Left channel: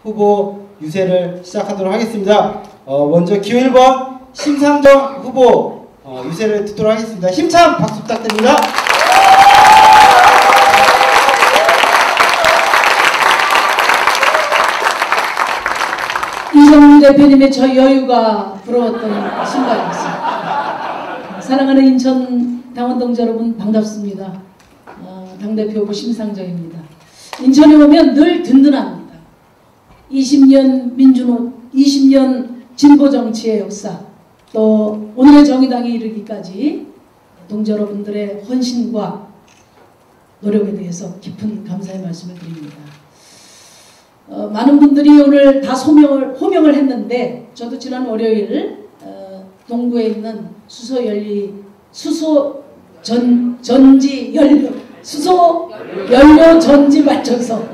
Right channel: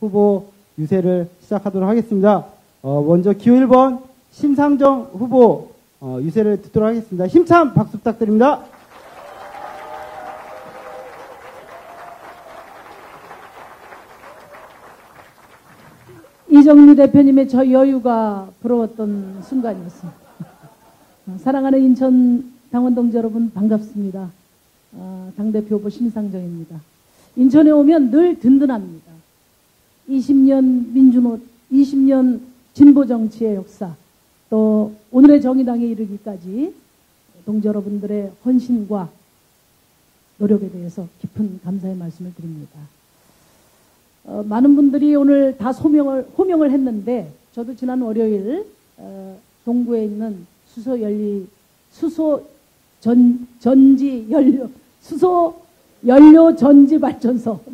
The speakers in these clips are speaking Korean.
후보 유세를 시작하도록 하겠습니다. 먼저 기호 1번 심상정 후보 유세를 듣도록 하겠습니다. 힘찬 박수 부탁드립니다. 이정무 대표님의 저 여유가 부러웠던 순간이었습니다. 사랑하는 인천 당원동지 여러분 반갑습니다. 당대표 심상정입니다. 인천에 오면 늘 든든합니다. 20년 진보 정치의 역사, 또 오늘의 정의당에 이르기까지 동지 여러분들의 헌신과 노력에 대해서 깊은 감사의 말씀을 드립니다. 많은 분들이 오늘 다 호명을 했는데 저도 지난 월요일 동구에 있는 수소 연료 전지 발전소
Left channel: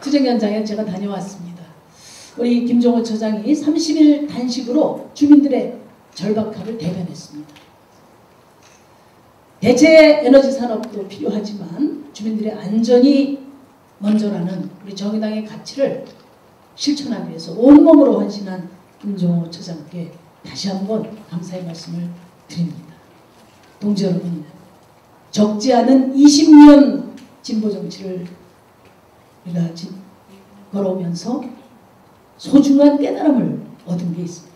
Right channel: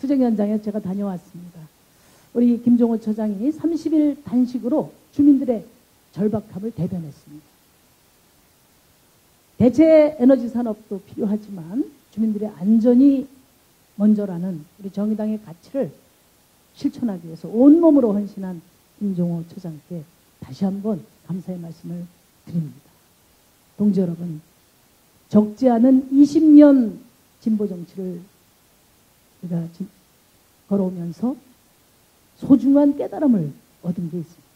투쟁 현장에 제가 다녀왔습니다. 우리 김종호 처장이 30일 단식으로 주민들의 절박함을 대변했습니다. 대체 에너지 산업도 필요하지만 주민들의 안전이 먼저라는 우리 정의당의 가치를 실천하기 위해서 온몸으로 헌신한 김종호 처장께 다시 한번 감사의 말씀을 드립니다. 동지 여러분, 적지 않은 20년 진보 정치를 우리가 걸어오면서 소중한 깨달음을 얻은 게 있습니다.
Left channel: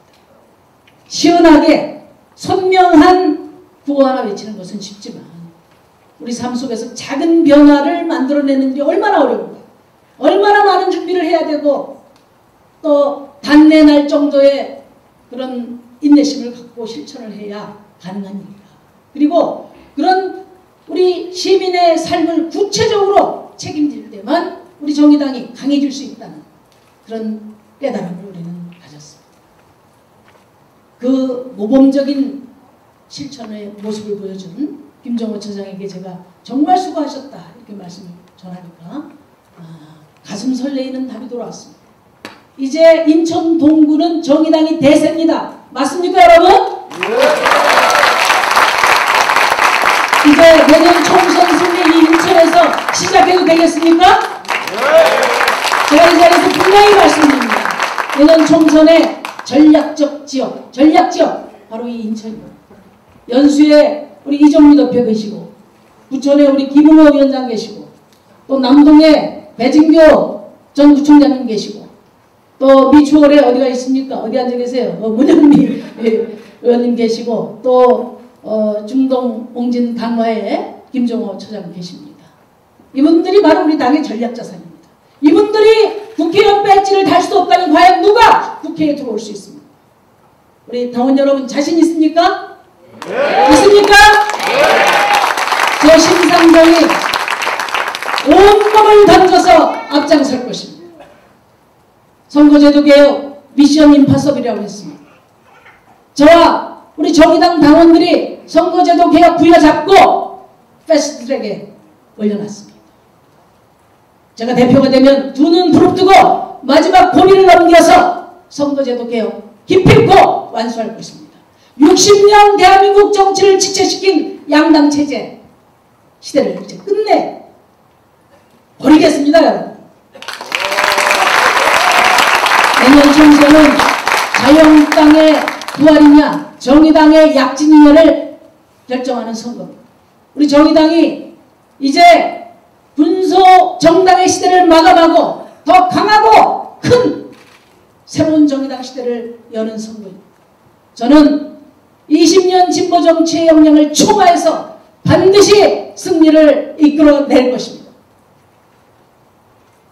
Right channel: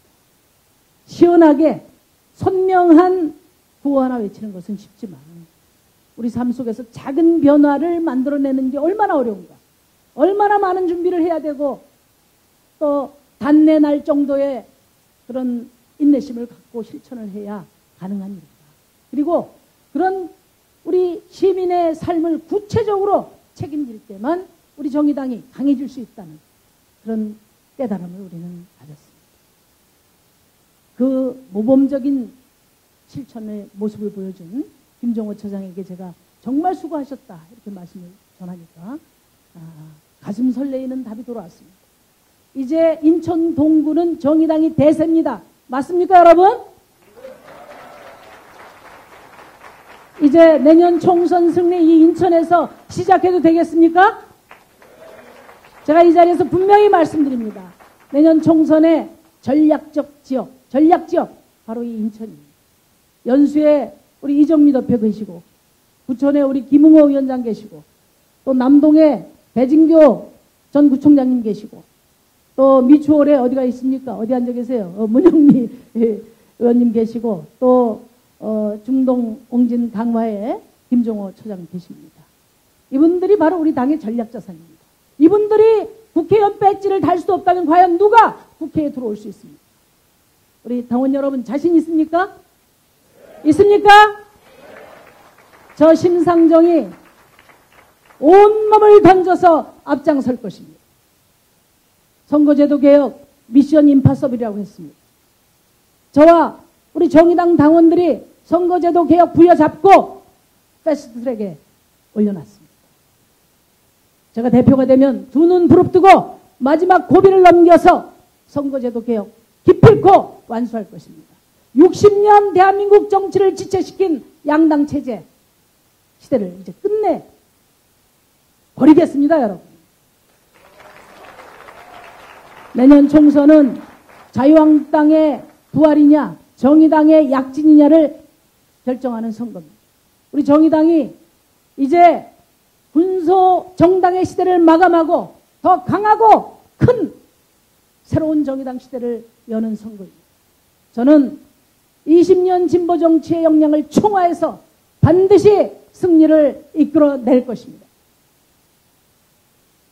시원하게 선명한 구호 하나 외치는 것은 쉽지만 우리 삶 속에서 작은 변화를 만들어내는 게 얼마나 어려운가. 얼마나 많은 준비를 해야 되고 또 단내 날 정도의 그런 인내심을 갖고 실천을 해야 가능한 일이다. 그리고 그런 우리 시민의 삶을 구체적으로 책임질 때만 우리 정의당이 강해질 수 있다는 그런 깨달음을 우리는 가졌습니다. 그 모범적인 실천의 모습을 보여준 김종호 처장에게 제가 정말 수고하셨다 이렇게 말씀을 전하니까 가슴 설레이는 답이 돌아왔습니다. 이제 인천 동구는 정의당이 대세입니다. 맞습니까 여러분? 네. 이제 내년 총선 승리 이 인천에서 시작해도 되겠습니까? 네. 제가 이 자리에서 분명히 말씀드립니다. 내년 총선의 전략적 지역 바로 이 인천입니다. 연수에 우리 이정미 대표 계시고 부천에 우리 김웅호 위원장 계시고 또 남동에 배진교 전 구청장님 계시고 또 미추홀에 어디가 있습니까? 어디 앉아 계세요? 문현미 의원님 계시고 또 중동 옹진 강화에 김종호 처장 계십니다. 이분들이 바로 우리 당의 전략자산입니다. 이분들이 국회의원 배지를 달 수 없다니 과연 누가 국회에 들어올 수 있습니까? 우리 당원 여러분 자신 있습니까? 네. 있습니까? 네. 저 심상정이 온몸을 던져서 앞장설 것입니다. 선거제도 개혁 미션 임파서블이라고 했습니다. 저와 우리 정의당 당원들이 선거제도 개혁 부여잡고 패스트트랙에 올려놨습니다. 제가 대표가 되면 두 눈 부릅뜨고 마지막 고비를 넘겨서 선거제도 개혁 기필코 완수할 것입니다. 60년 대한민국 정치를 지체시킨 양당 체제 시대를 이제 끝내 버리겠습니다. 여러분. 내년 총선은 자유한국당의 부활이냐 정의당의 약진이냐를 결정하는 선거입니다. 우리 정의당이 이제 군소 정당의 시대를 마감하고 더 강하고 큰 새로운 정의당 시대를 여는 선거입니다. 저는 20년 진보 정치의 역량을 총화해서 반드시 승리를 이끌어낼 것입니다.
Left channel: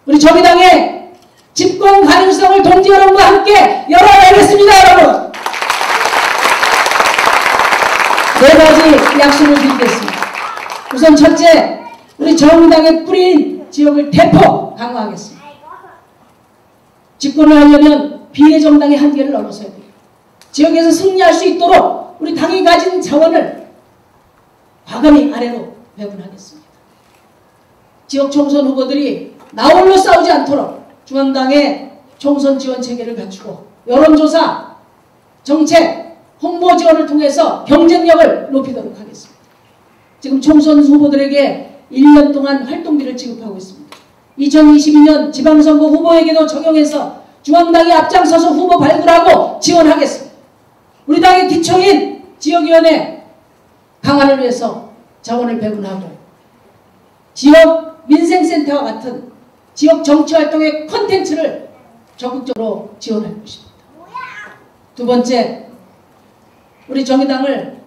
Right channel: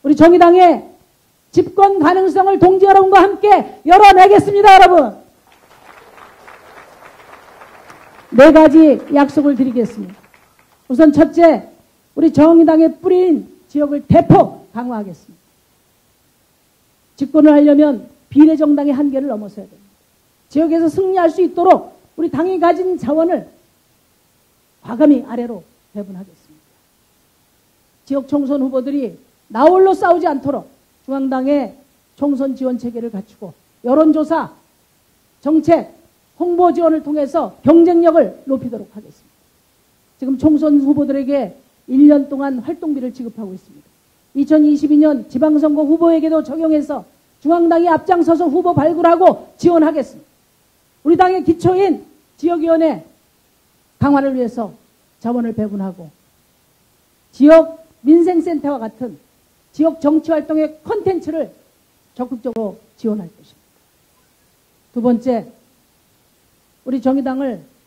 우리 정의당의 집권 가능성을 동지 여러분과 함께 열어내겠습니다. 여러분. 4가지 약속을 드리겠습니다. 우선 첫째, 우리 정의당의 뿌리인 지역을 대폭 강화하겠습니다. 집권을 하려면 비례정당의 한계를 넘어서야 돼요. 지역에서 승리할 수 있도록 우리 당이 가진 자원을 과감히 아래로 배분하겠습니다. 지역 총선 후보들이 나홀로 싸우지 않도록 중앙당의 총선 지원 체계를 갖추고 여론조사, 정책, 홍보 지원을 통해서 경쟁력을 높이도록 하겠습니다. 지금 총선 후보들에게 1년 동안 활동비를 지급하고 있습니다. 2022년 지방선거 후보에게도 적용해서 중앙당이 앞장서서 후보 발굴하고 지원하겠습니다. 우리 당의 기초인 지역위원회 강화를 위해서 자원을 배분하고 지역 민생센터와 같은 지역 정치활동의 콘텐츠를 적극적으로 지원할 것입니다. 두 번째, 우리 정의당을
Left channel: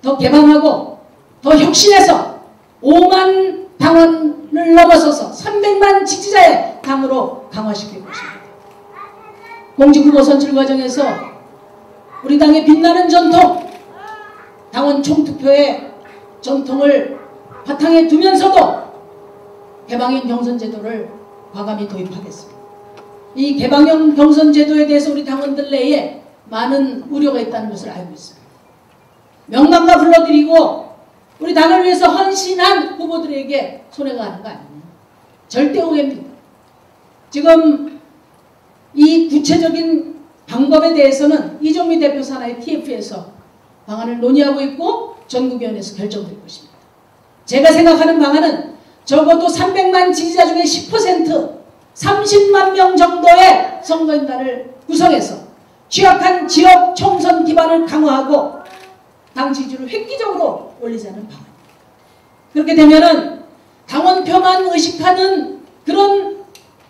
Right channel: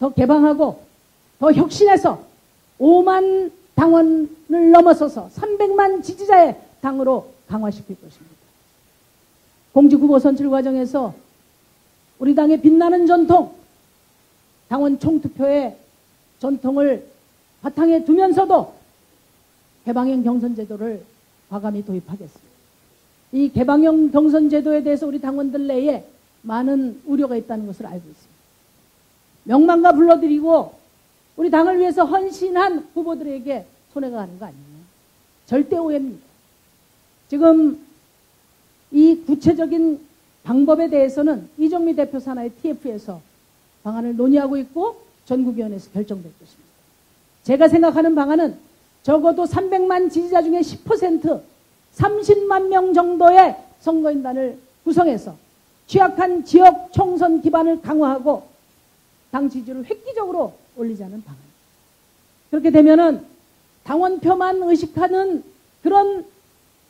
더 개방하고 더 혁신해서 5만 당원을 넘어서서 300만 지지자의 당으로 강화시킬 것입니다. 공직후보 선출 과정에서 우리 당의 빛나는 전통, 당원 총투표의 전통을 바탕에 두면서도 개방형 경선제도를 과감히 도입하겠습니다. 이 개방형 경선제도에 대해서 우리 당원들 내에 많은 우려가 있다는 것을 알고 있습니다. 명단과 불러드리고 우리 당을 위해서 헌신한 후보들에게 손해가 가는 거 아닙니다. 절대 오해입니다. 지금 이 구체적인 방법에 대해서는 이정미 대표 산하의 TF에서 방안을 논의하고 있고 전국위원회에서 결정될 것입니다. 제가 생각하는 방안은 적어도 300만 지지자 중에 10% 30만 명 정도의 선거인단을 구성해서 취약한 지역 총선 기반을 강화하고 당 지지율을 획기적으로 올리자는 방안. 그렇게 되면은 당원표만 의식하는 그런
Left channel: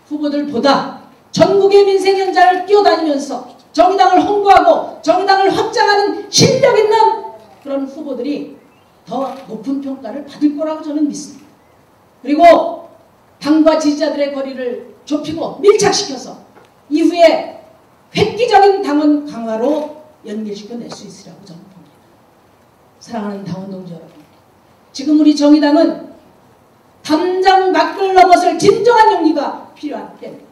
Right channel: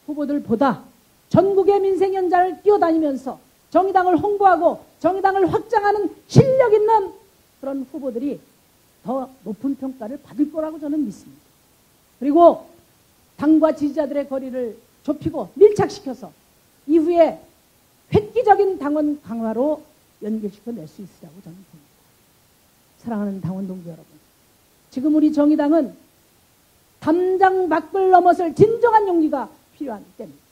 후보들보다 전국의 민생연자를 뛰어다니면서 정의당을 홍보하고 정의당을 확장하는 실력 있는 그런 후보들이 더 높은 평가를 받을 거라고 저는 믿습니다. 그리고 당과 지지자들의 거리를 좁히고 밀착시켜서 이후에 획기적인 당원 강화로 연계시켜낼 수 있으라고 저는 봅니다. 사랑하는 당원 동지 여러분, 지금 우리 정의당은 담장 밖을 넘어설 진정한 용기가 필요한 때입니다.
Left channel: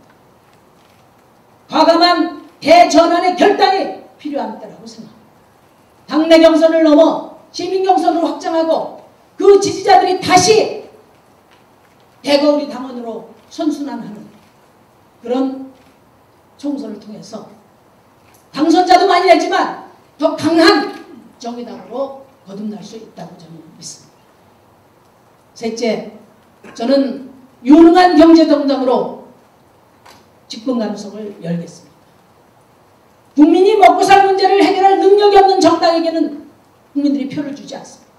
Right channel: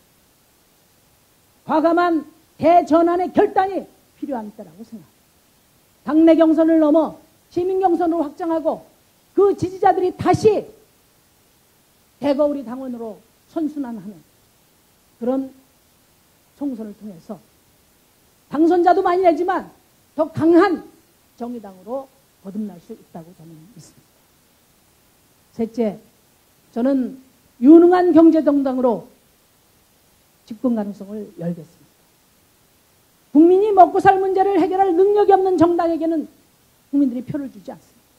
과감한 대전환의 결단이 필요한 때라고 생각합니다. 당내 경선을 넘어 시민 경선으로 확장하고 그 지지자들이 다시 대거 우리 당원으로 선순환하는 그런 총선을 통해서 당선자도 많이 했지만 더 강한 정의당으로 거듭날 수 있다고 저는 믿습니다. 셋째, 저는 유능한 경제정당으로 집권 가능성을 열겠습니다. 국민이 먹고 살 문제를 해결할 능력이 없는 정당에게는 국민들이 표를 주지 않습니다.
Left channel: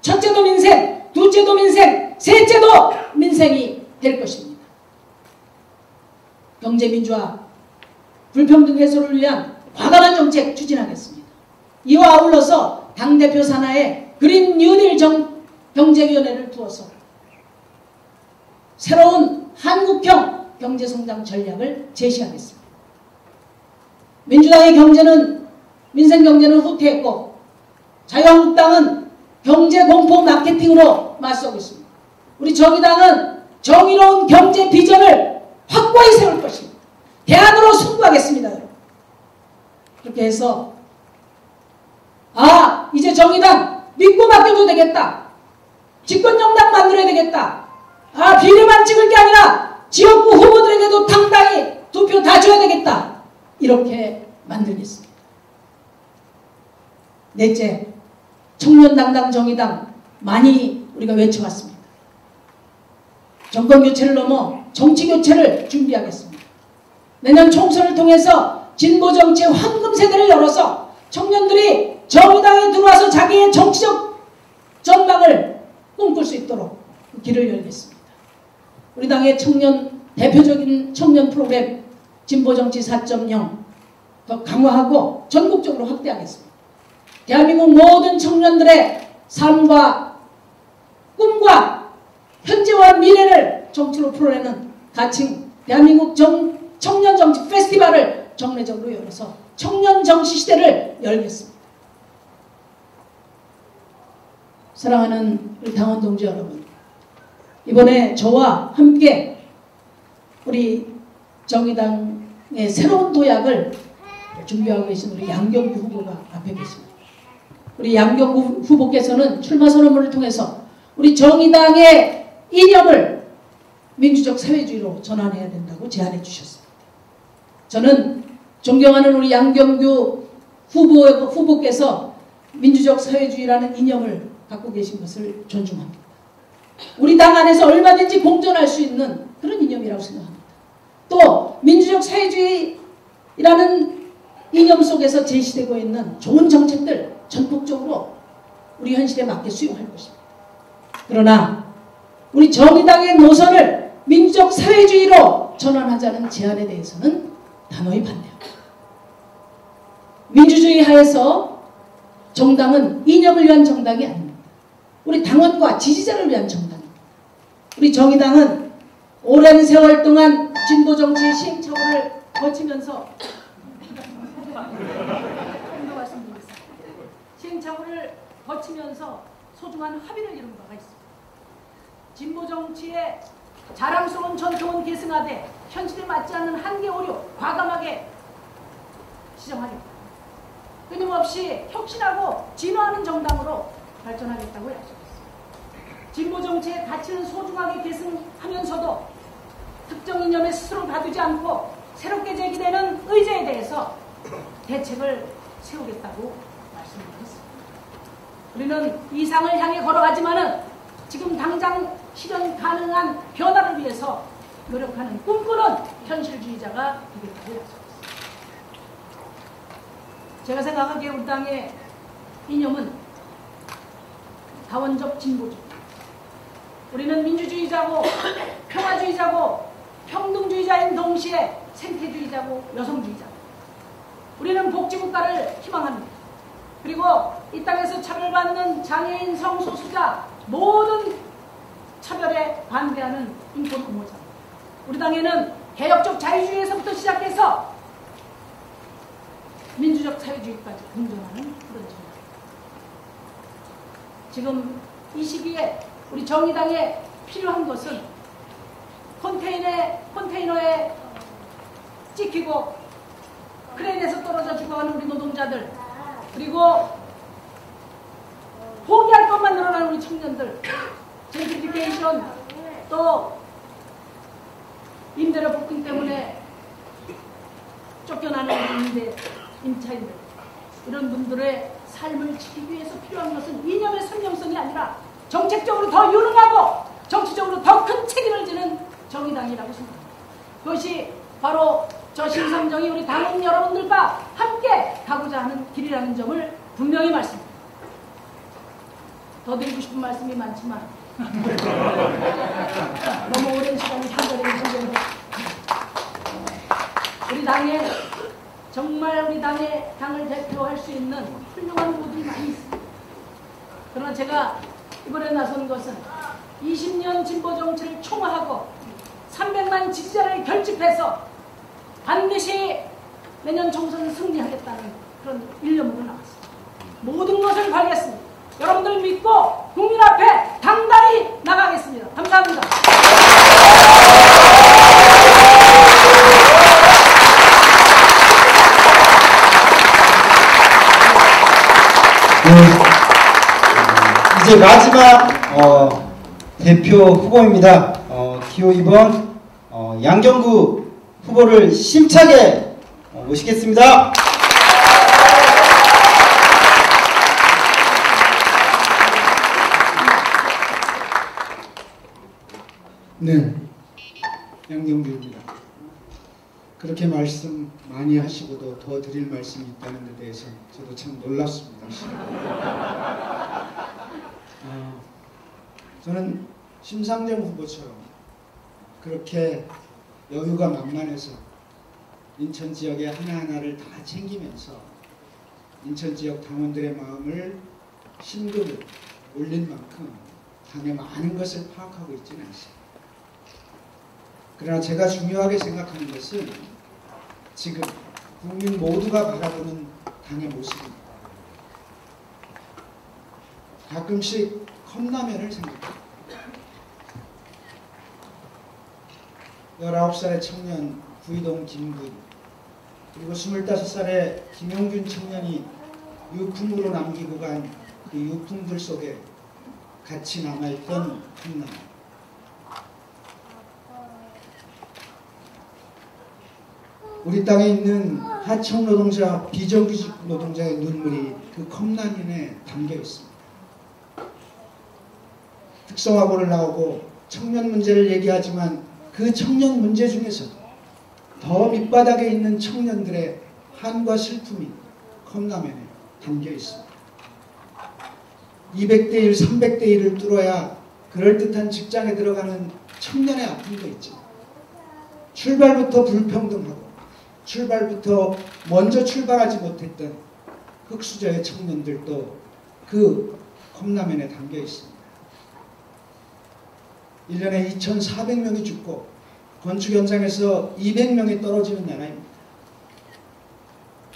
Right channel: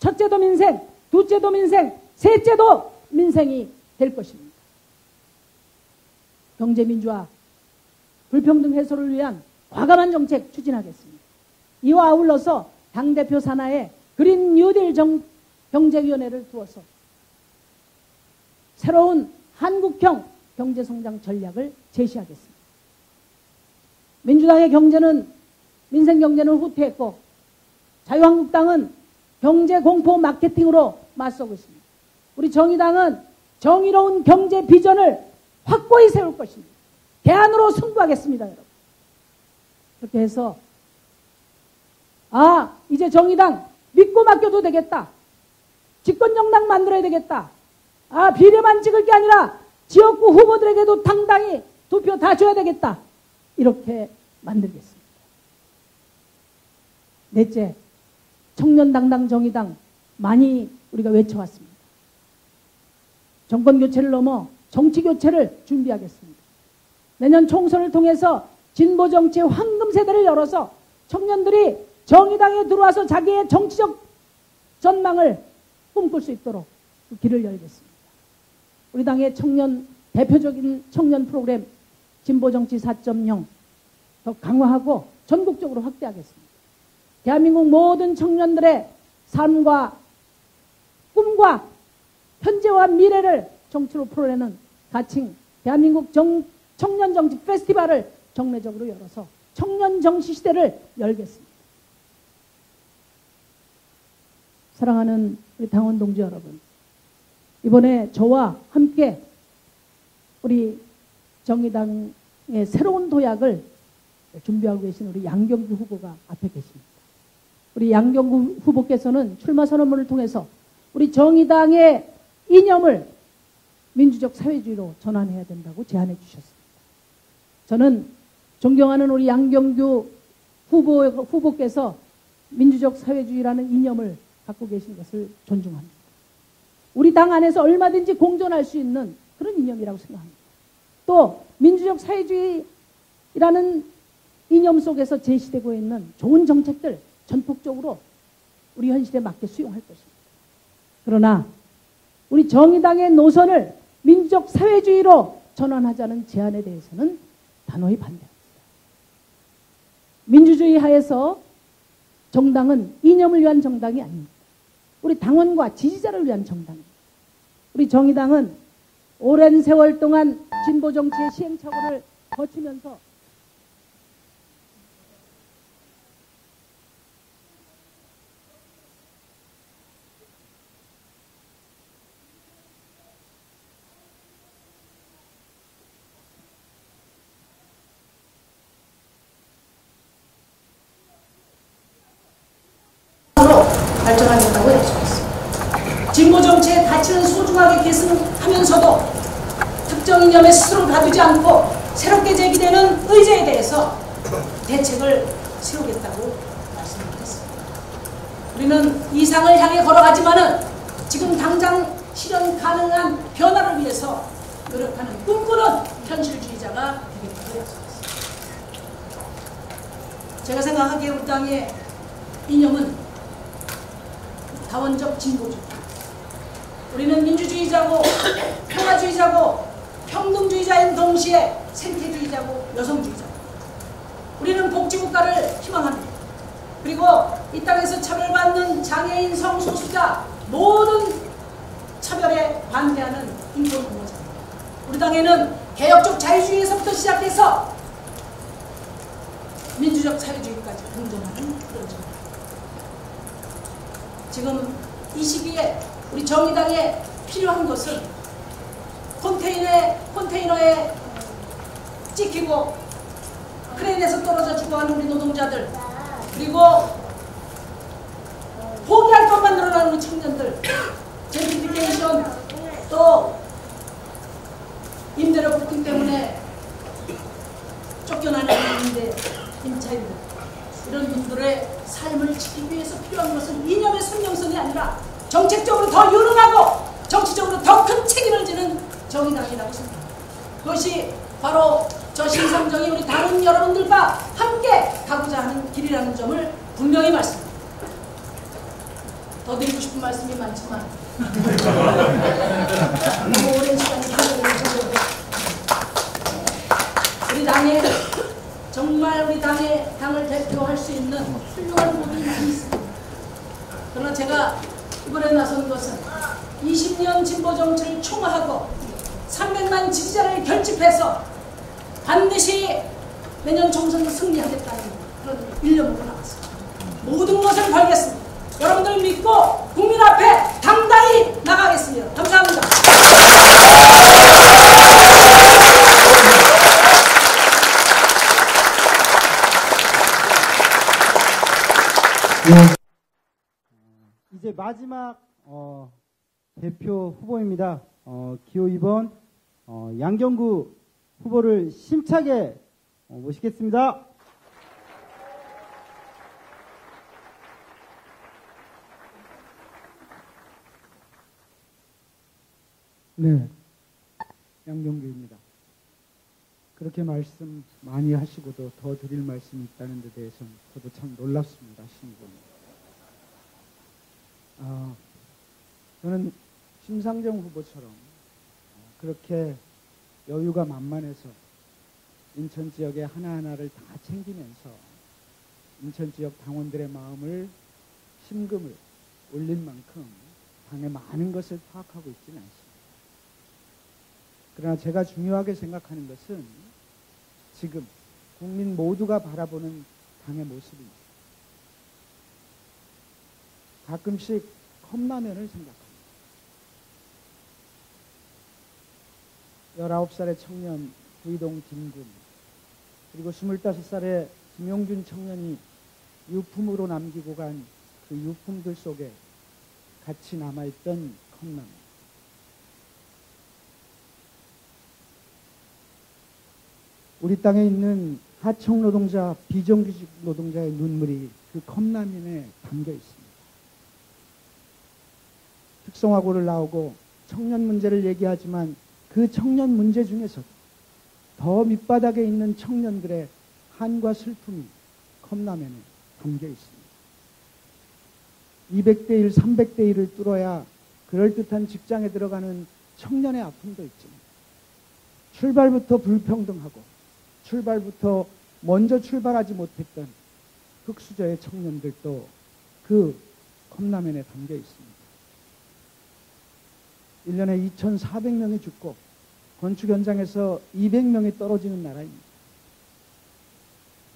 첫째도 민생, 둘째도 민생, 셋째도 민생이 될 것입니다. 경제민주화, 불평등 해소를 위한 과감한 정책 추진하겠습니다. 이와 아울러서 당대표 산하에 그린 뉴딜 경제위원회를 두어서 새로운 한국형 경제성장 전략을 제시하겠습니다. 민주당의 경제는 민생 경제는 후퇴했고 자유한국당은 경제 공포 마케팅으로 맞서고 있습니다. 우리 정의당은 정의로운 경제 비전을 확고히 세울 것입니다. 대안으로 승부하겠습니다. 그렇게 해서 이제 정의당 믿고 맡겨도 되겠다. 집권정당 만들어야 되겠다. 비례만 찍을 게 아니라 지역구 후보들에게도 당당히 투표 다 줘야 되겠다. 이렇게 만들겠습니다. 넷째, 청년당당 정의당 많이 우리가 외쳐왔습니다. 정권교체를 넘어 정치교체를 준비하겠습니다. 내년 총선을 통해서 진보정치 황금세대를 열어서 청년들이 정의당에 들어와서 자기의 정치적 전망을 꿈꿀 수 있도록 길을 열겠습니다. 우리 당의 대표적인 청년 프로그램 진보정치 4.0 더 강화하고 전국적으로 확대하겠습니다. 대한민국 모든 청년들의 삶과 꿈과 현재와 미래를 정치로 풀어내는 가칭 대한민국 청년 정치 페스티벌을 정례적으로 열어서 청년 정치 시대를 열겠습니다. 사랑하는 우리 당원 동지 여러분, 이번에 저와 함께 우리 정의당의 새로운 도약을 준비하고 계신 우리 양경규 후보가 앞에 계십니다. 우리 양경규 후보께서는 출마 선언문을 통해서 우리 정의당의 이념을 민주적 사회주의로 전환해야 된다고 제안해 주셨습니다. 저는 존경하는 우리 양경규 후보께서 민주적 사회주의라는 이념을 갖고 계신 것을 존중합니다. 우리 당 안에서 얼마든지 공존할 수 있는 그런 이념이라고 생각합니다. 또 민주적 사회주의라는 이념 속에서 제시되고 있는 좋은 정책들 전국적으로 우리 현실에 맞게 수용할 것입니다. 그러나 우리 정의당의 노선을 민족 사회주의로 전환하자는 제안에 대해서는 단호히 반대합니다. 민주주의 하에서 정당은 이념을 위한 정당이 아닙니다. 우리 당원과 지지자를 위한 정당입니다. 우리 정의당은 오랜 세월 동안 진보정치 시행착오를 거치면서 시행착오를 거치면서 소중한 합의를 이룬 바가 있습니다. 진보정치의 자랑스러운 전통은 계승하되 현실에 맞지 않는 한계 오류 과감하게 시정하겠다. 끊임없이 혁신하고 진화하는 정당으로 발전하겠다고 약속했습니다. 진보정치의 가치는 소중하게 계승하면서도 특정 이념에 스스로 가두지 않고 새롭게 제기되는 의제에 대해서 대책을 세우겠다고 말씀드렸습니다. 우리는 이상을 향해 걸어가지만은 지금 당장 실현 가능한 변화를 위해서 노력하는 꿈꾸는 현실주의자가 되겠다고 약속했습니다. 제가 생각하기에 우리 당의 이념은 다원적 진보주의. 우리는 민주주의자고 평화주의자고 평등주의자인 동시에 생태주의자고 여성주의자고 우리는 복지국가를 희망합니다. 그리고 이 땅에서 차별받는 장애인 성소수자 모든 차별에 반대하는 인권운동자입니다. 우리 당에는 개혁적 자유주의에서부터 시작해서 민주적 사회주의까지 공존하는 그런 정당. 지금 이 시기에 우리 정의당에 필요한 것은 컨테이너에 찍히고 크레인에서 떨어져 죽어가는 우리 노동자들, 그리고 포기할 것만 늘어나는 우리 청년들, 젠트리피케이션, 또 임대료 폭등 때문에 쫓겨나는 임차인들, 이런 분들의 삶을 지키기 위해서 필요한 것은 이념의 선명성이 아니라 정책적으로 더 유능하고 정치적으로 더 큰 책임을 지는 정의당이라고 생각합니다. 그것이 바로 저 신성정이 우리 당원 여러분들과 함께 가고자 하는 길이라는 점을 분명히 말씀드립니다. 더 드리고 싶은 말씀이 많지만 너무 오랜 시간을 판결을 해주세요. 우리 당에 정말 우리 당을 대표할 수 있는 훌륭한 분들이 많이 있습니다. 그러나 제가 이번에 나선 것은 20년 진보 정치를 총화하고 300만 지지자를 결집해서 반드시 내년 총선을 승리하겠다는 그런 일념으로 나왔습니다. 모든 것을 걸겠습니다. 여러분들 믿고 국민 앞에 당당히 나가겠습니다. 감사합니다. 네, 이제 마지막 대표 후보입니다. 기호 2번 양정구 후보를 심차게 모시겠습니다. 네, 양정구입니다. 그렇게 말씀 많이 하시고도 더 드릴 말씀이 있다는 데 대해서 저도 참 놀랍습니다. 저는 심상정 후보처럼 그렇게 여유가 만만해서 인천 지역의 하나하나를 다 챙기면서 인천 지역 당원들의 마음을 심도를 올린 만큼 당의 많은 것을 파악하고 있지는 않습니다. 그러나 제가 중요하게 생각하는 것은 지금 국민 모두가 바라보는 당의 모습입니다. 가끔씩 컵라면을 생각합니다. 19살의 청년 구이동 김군, 그리고 25살의 김용균 청년이 유품으로 남기고 간 그 유품들 속에 같이 남아있던 컵라면. 우리 땅에 있는 하청 노동자, 비정규직 노동자의 눈물이 그 컵라면에 담겨 있습니다. 특성화고를 나오고 청년 문제를 얘기하지만 그 청년 문제 중에서 더 밑바닥에 있는 청년들의 한과 슬픔이 컵라면에 담겨 있습니다. 200대 1, 300대 1을 뚫어야 그럴듯한 직장에 들어가는 청년의 아픔도 있지만 출발부터 불평등하고 출발부터 먼저 출발하지 못했던 흑수저의 청년들도 그 컵라면에 담겨 있습니다. 1년에 2,400명이 죽고 건축 현장에서 200명이 떨어지는 나라입니다.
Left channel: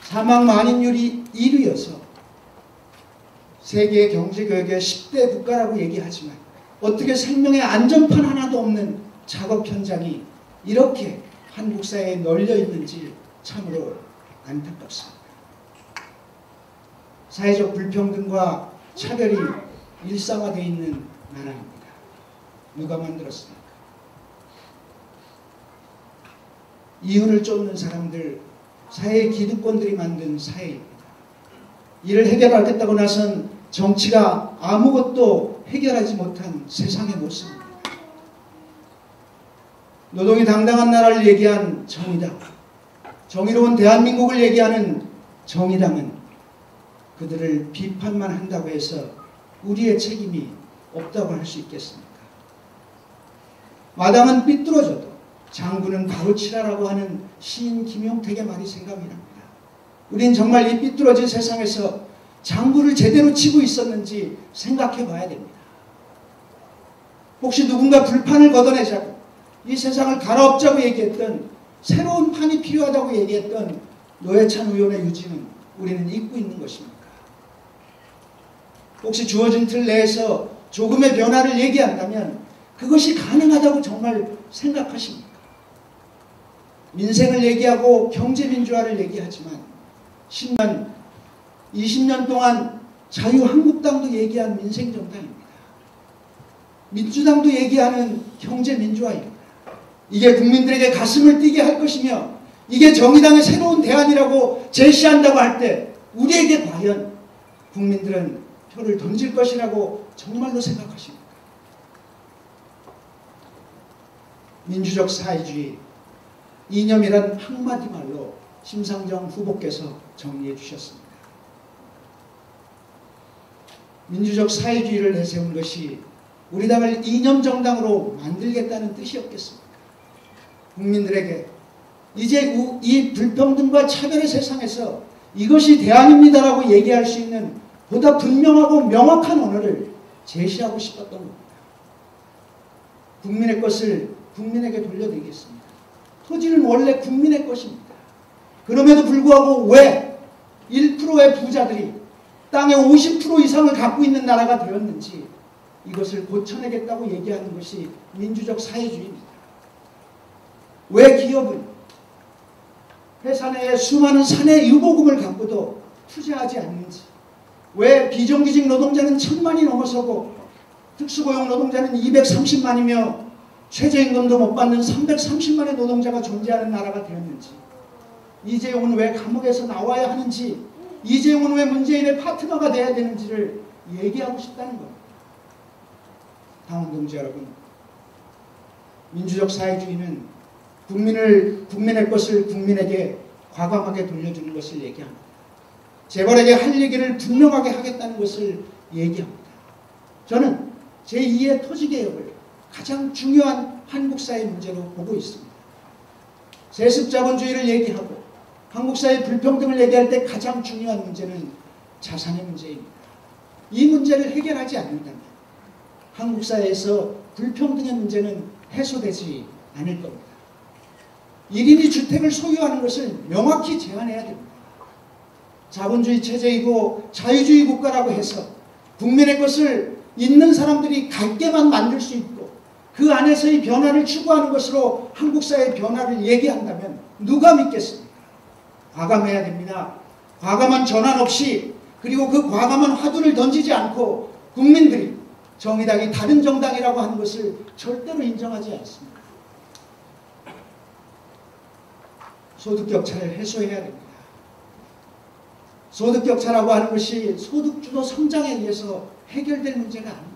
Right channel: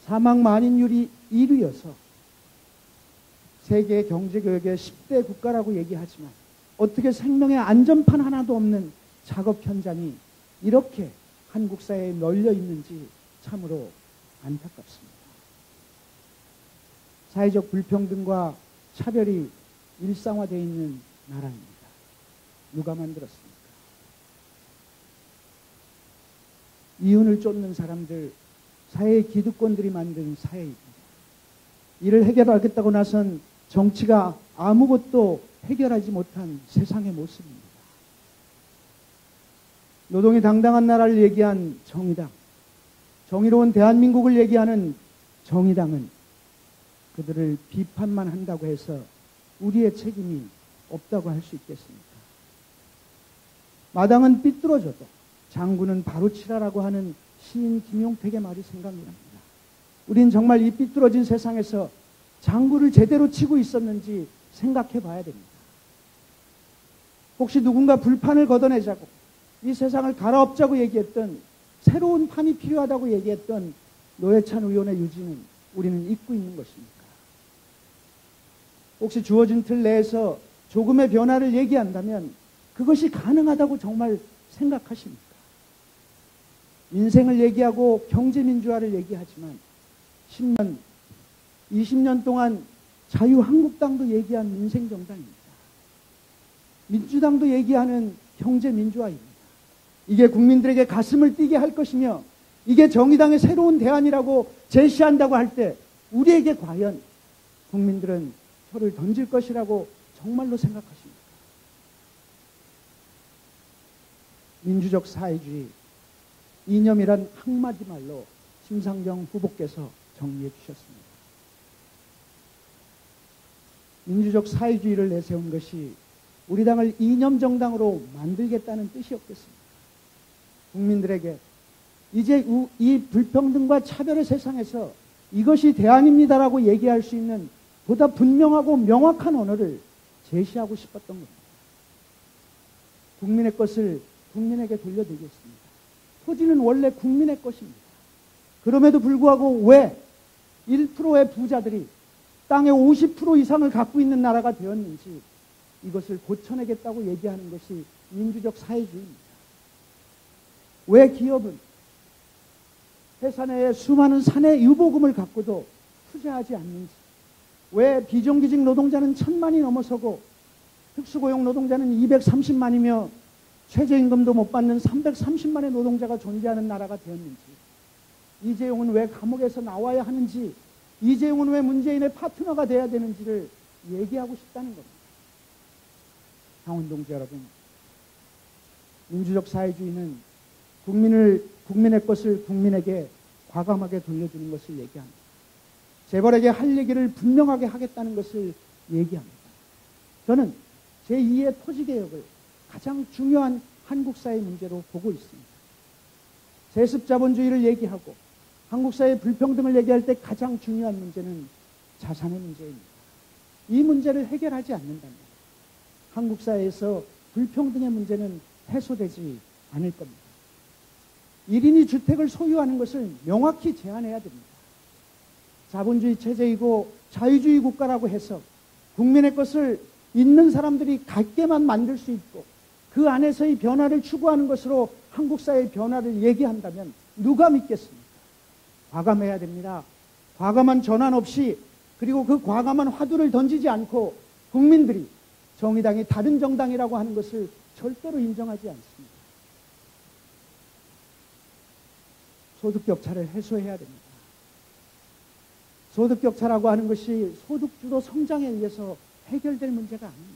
사망 만인율이 1위여서 세계 경제교역의 10대 국가라고 얘기하지만 어떻게 생명의 안전판 하나도 없는 작업 현장이 이렇게 한국 사회에 널려 있는지 참으로 안타깝습니다. 사회적 불평등과 차별이 일상화되어 있는 나라입니다. 누가 만들었습니까? 이윤을 쫓는 사람들, 사회의 기득권들이 만든 사회입니다. 이를 해결하겠다고 나선 정치가 아무것도 해결하지 못한 세상의 모습입니다. 노동이 당당한 나라를 얘기한 정의당, 정의로운 대한민국을 얘기하는 정의당은 그들을 비판만 한다고 해서 우리의 책임이 없다고 할 수 있겠습니까? 마당은 삐뚤어져도 장군은 가로치라라고 하는 시인 김용택의 말이 생각이 납니다. 우린 정말 이 삐뚤어진 세상에서 장군을 제대로 치고 있었는지 생각해 봐야 됩니다. 혹시 누군가 불판을 걷어내자고 이 세상을 갈아엎자고 얘기했던 새로운 판이 필요하다고 얘기했던 노회찬 의원의 유지는 우리는 잊고 있는 것입니까? 혹시 주어진 틀 내에서 조금의 변화를 얘기한다면 그것이 가능하다고 정말 생각하십니까? 인생을 얘기하고 경제민주화를 얘기하지만 10년, 20년 동안 자유한국당도 얘기한 민생정당입니다. 민주당도 얘기하는 경제민주화입니다. 이게 국민들에게 가슴을 뛰게 할 것이며 이게 정의당의 새로운 대안이라고 제시한다고 할 때 우리에게 과연 국민들은 표를 던질 것이라고 정말로 생각하십니까? 민주적 사회주의, 이념이란 한마디 말로 심상정 후보께서 정리해 주셨습니다. 민주적 사회주의를 내세운 것이 우리 당을 이념정당으로 만들겠다는 뜻이었겠습니까? 국민들에게 이제 이 불평등과 차별의 세상에서 이것이 대안입니다라고 얘기할 수 있는 보다 분명하고 명확한 언어를 제시하고 싶었던 겁니다. 국민의 것을 국민에게 돌려드리겠습니다. 토지는 원래 국민의 것입니다. 그럼에도 불구하고 왜 1%의 부자들이 땅의 50% 이상을 갖고 있는 나라가 되었는지 이것을 고쳐내겠다고 얘기하는 것이 민주적 사회주의입니다. 왜 기업은 회사 내에 수많은 사내 유보금을 갖고도 투자하지 않는지, 왜 비정규직 노동자는 1000만이 넘어서고 특수고용 노동자는 230만이며 최저임금도 못 받는 330만의 노동자가 존재하는 나라가 되었는지, 이재용은 왜 감옥에서 나와야 하는지, 이재용은 왜 문재인의 파트너가 돼야 되는지를 얘기하고 싶다는 겁니다. 다음 동지 여러분, 민주적 사회주의는 국민의 것을 국민에게 과감하게 돌려주는 것을 얘기합니다. 재벌에게 할 얘기를 분명하게 하겠다는 것을 얘기합니다. 저는 제2의 토지개혁을 가장 중요한 한국 사회 문제로 보고 있습니다. 세습자본주의를 얘기하고 한국 사회 불평등을 얘기할 때 가장 중요한 문제는 자산의 문제입니다. 이 문제를 해결하지 않는다면 한국 사회에서 불평등의 문제는 해소되지 않을 겁니다. 1인이 주택을 소유하는 것을 명확히 제한해야 됩니다. 자본주의 체제이고 자유주의 국가라고 해서 국민의 것을 있는 사람들이 갖게만 만들 수 있고 그 안에서의 변화를 추구하는 것으로 한국 사회의 변화를 얘기한다면 누가 믿겠습니까? 과감해야 됩니다. 과감한 전환 없이, 그리고 그 과감한 화두를 던지지 않고 국민들이 정의당이 다른 정당이라고 하는 것을 절대로 인정하지 않습니다. 소득격차를 해소해야 됩니다. 소득격차라고 하는 것이 소득주도 성장에 의해서 해결될 문제가 아닙니다.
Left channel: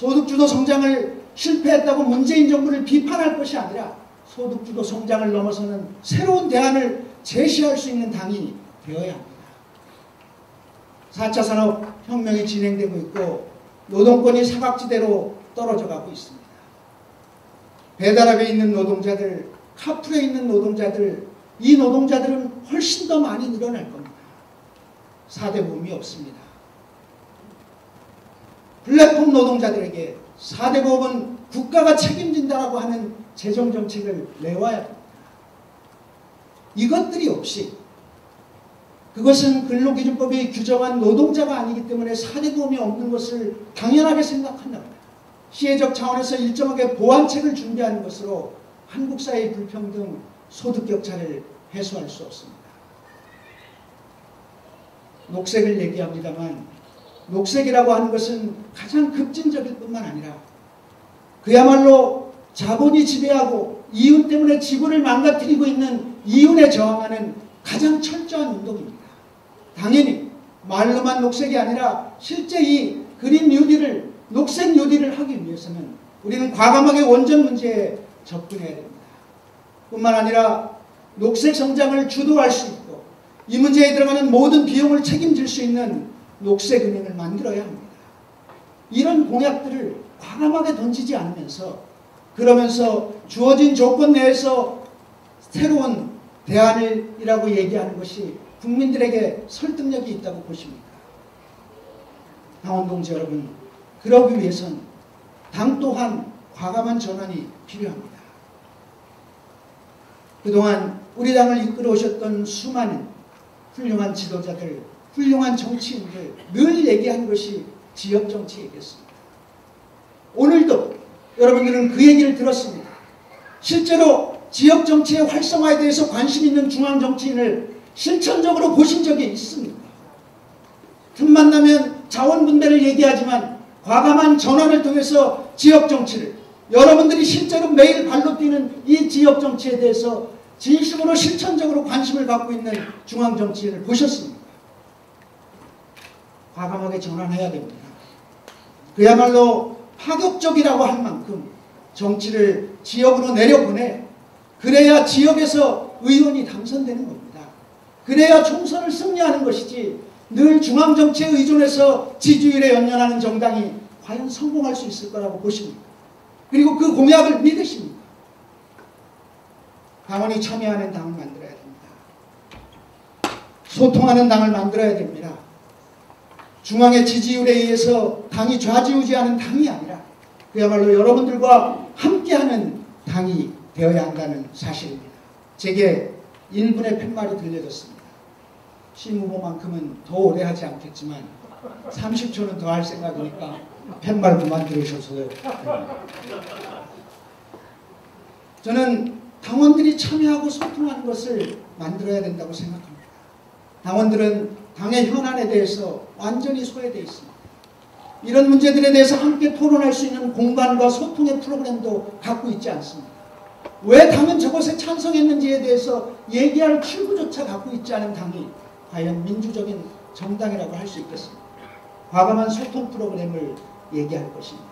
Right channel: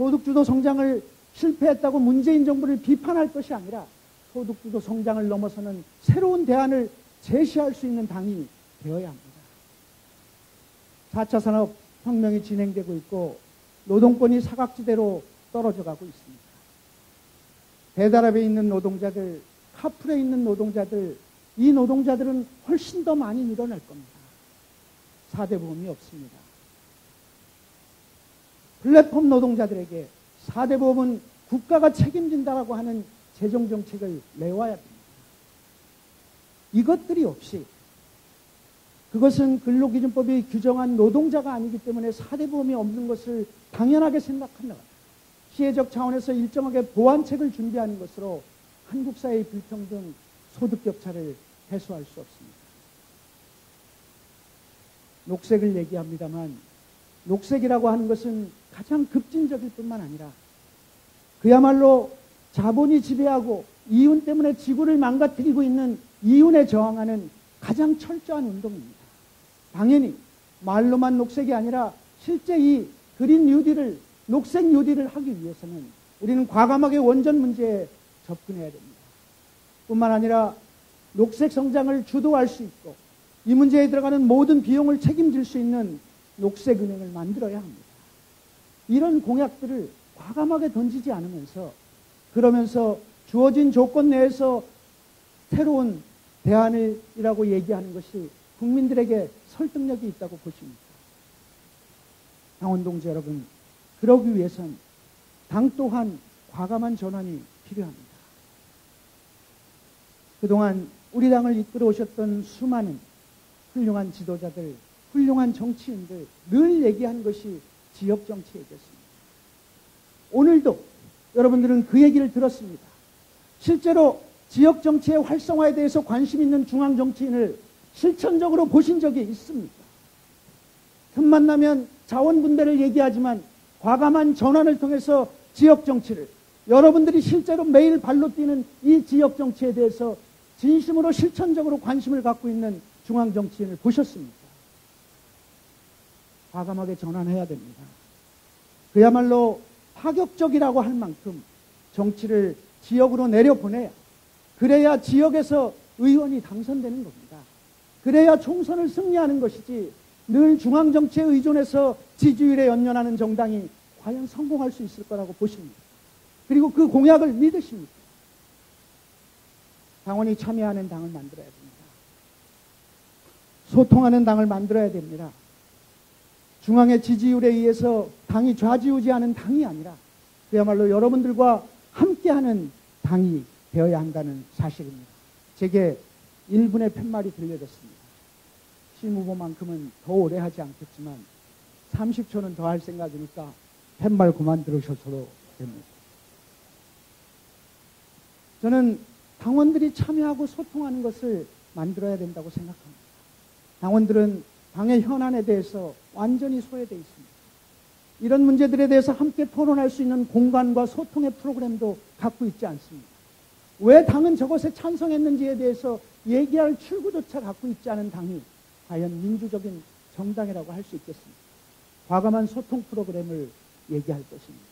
소득주도 성장을 실패했다고 문재인 정부를 비판할 것이 아니라 소득주도 성장을 넘어서는 새로운 대안을 제시할 수 있는 당이 되어야 합니다. 4차 산업혁명이 진행되고 있고 노동권이 사각지대로 떨어져 가고 있습니다. 배달업에 있는 노동자들, 카풀에 있는 노동자들, 이 노동자들은 훨씬 더 많이 늘어날 겁니다. 4대 보험이 없습니다. 플랫폼 노동자들에게 4대 보험은 국가가 책임진다라고 하는 재정정책을 내와야 합니다. 이것들이 없이 그것은 근로기준법이 규정한 노동자가 아니기 때문에 4대 보험이 없는 것을 당연하게 생각한다. 시혜적 차원에서 일정하게 보완책을 준비하는 것으로 한국 사회의 불평등, 소득 격차를 해소할 수 없습니다. 녹색을 얘기합니다만 녹색이라고 하는 것은 가장 급진적일 뿐만 아니라 그야말로 자본이 지배하고 이윤 때문에 지구를 망가뜨리고 있는 이윤에 저항하는 가장 철저한 운동입니다. 당연히 말로만 녹색이 아니라 실제 이 그린 뉴딜을 녹색 뉴딜을 하기 위해서는 우리는 과감하게 원전 문제에 접근해야 됩니다. 뿐만 아니라 녹색 성장을 주도할 수 있고 이 문제에 들어가는 모든 비용을 책임질 수 있는 녹색 은행을 만들어야 합니다. 이런 공약들을 과감하게 던지지 않으면서 그러면서 주어진 조건 내에서 새로운 대안이라고 얘기하는 것이 국민들에게 설득력이 있다고 보십니까? 당원 동지 여러분, 그러기 위해서는 당 또한 과감한 전환이 필요합니다. 그동안 우리 당을 이끌어 오셨던 수많은 훌륭한 지도자들, 훌륭한 정치인들 늘 얘기한 것이 지역정치였습니다. 오늘도 여러분들은 그 얘기를 들었습니다. 실제로 지역정치의 활성화에 대해서 관심 있는 중앙정치인을 실천적으로 보신 적이 있습니다. 틈만 나면 자원분배를 얘기하지만 과감한 전환을 통해서 지역정치를 여러분들이 실제로 매일 발로 뛰는 이 지역정치에 대해서 진심으로 실천적으로 관심을 갖고 있는 중앙정치인을 보셨습니다. 과감하게 전환해야 됩니다. 그야말로 파격적이라고 할 만큼 정치를 지역으로 내려보내 그래야 지역에서 의원이 당선되는 겁니다. 그래야 총선을 승리하는 것이지 늘 중앙정치에 의존해서 지지율에 연연하는 정당이 과연 성공할 수 있을 거라고 보십니다. 그리고 그 공약을 믿으십니다. 당원이 참여하는 당을 만들어야 됩니다. 소통하는 당을 만들어야 됩니다. 중앙의 지지율에 의해서 당이 좌지우지하는 당이 아니라 그야말로 여러분들과 함께하는 당이 되어야 한다는 사실입니다. 제게 1분의 팻말이 들려졌습니다. 시무모만큼은 더 오래 하지 않겠지만 30초는 더 할 생각이니까 팻말 그만 들으셔서요. 저는 당원들이 참여하고 소통하는 것을 만들어야 된다고 생각합니다. 당원들은 당의 현안에 대해서 완전히 소외되어 있습니다. 이런 문제들에 대해서 함께 토론할 수 있는 공간과 소통의 프로그램도 갖고 있지 않습니다. 왜 당은 저것에 찬성했는지에 대해서 얘기할 출구조차 갖고 있지 않은 당이 과연 민주적인 정당이라고 할 수 있겠습니까? 과감한 소통 프로그램을 얘기할 것입니다.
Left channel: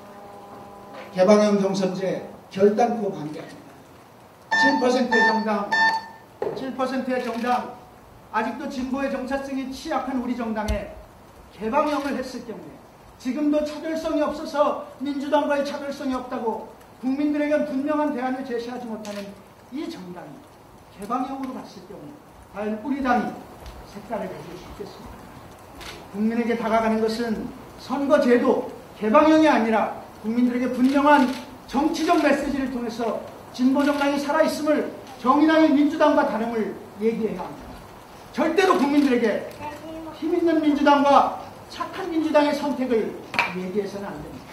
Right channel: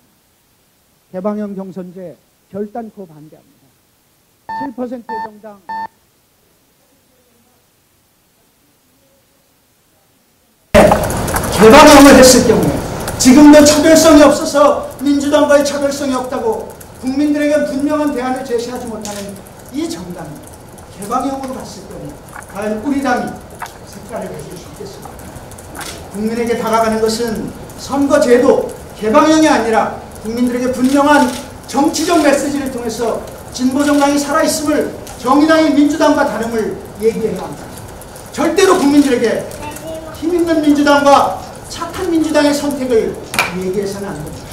개방형 경선제 결단코 반대합니다. 7%의 정당, 아직도 진보의 정체성이 취약한 우리 정당에 개방형을 했을 경우에 지금도 차별성이 없어서 민주당과의 차별성이 없다고 국민들에게 분명한 대안을 제시하지 못하는 이 정당이 개방형으로 갔을 경우 과연 우리 당이 색깔을 가질 수 있겠습니까? 국민에게 다가가는 것은 선거제도 개방형이 아니라 국민들에게 분명한 정치적 메시지를 통해서 진보정당이 살아있음을 정의당이 민주당과 다름을 얘기해야 합니다. 절대로 국민들에게 힘있는 민주당과 착한 민주당의 선택을 얘기해서는 안 됩니다.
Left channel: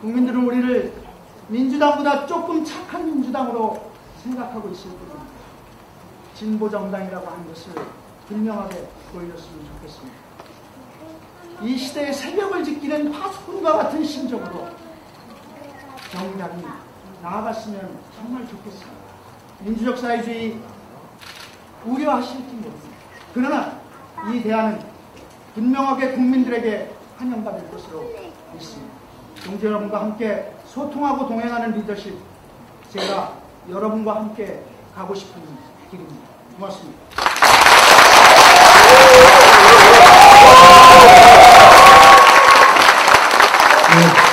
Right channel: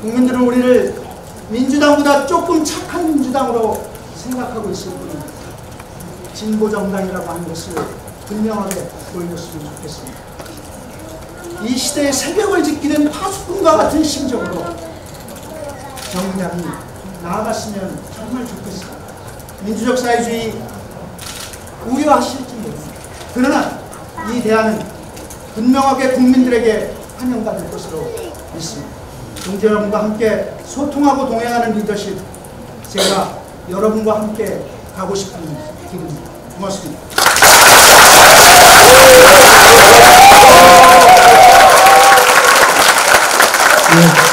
국민들은 우리를 민주당보다 조금 착한 민주당으로 생각하고 있을 뿐입니다. 진보정당이라고 하는 것을 분명하게 보여줬으면 좋겠습니다. 이 시대의 새벽을 지키는 파수꾼과 같은 심정으로 정의당이 나아갔으면 정말 좋겠습니다. 민주적 사회주의 우려하실지 모릅니다. 그러나 이 대안은 분명하게 국민들에게 환영받을 것으로 믿습니다. 동지여러분과 함께 소통하고 동행하는 리더십, 제가 여러분과 함께 가고 싶은 길입니다. 고맙습니다. 네.